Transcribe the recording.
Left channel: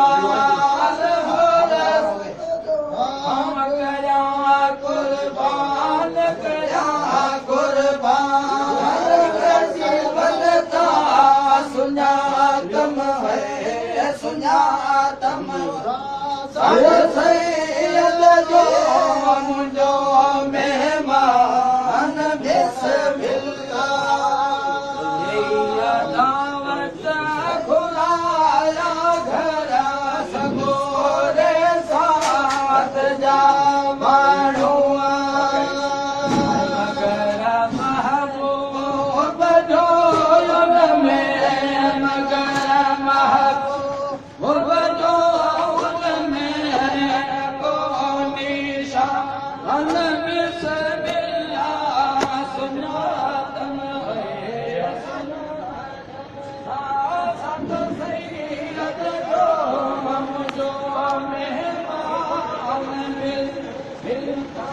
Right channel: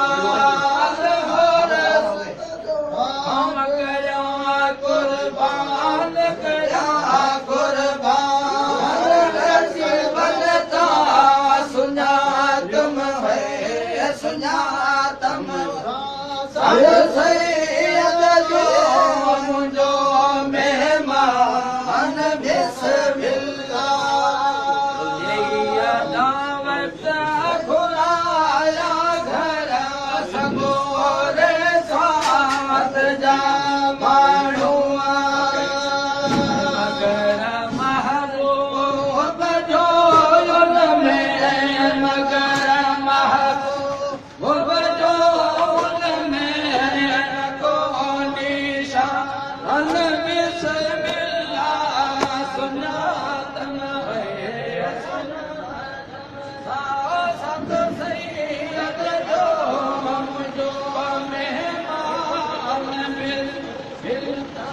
जमाल हो हम कया कुर्बान कया कुर्बान बलता सुञातम है सुञातम सैयद जो मुंहिंजो मेहमान बिस्मिल्लाह दावत घुराया घर सगोरे साथ जा माण्हू मगर महबूब जो उन में मगर महबूब जो उन में कोनी शान बिस्मिल्लाह सुञातम है सत सैयद जो मुंहिंजो मेहमान बिस्मिल्लाह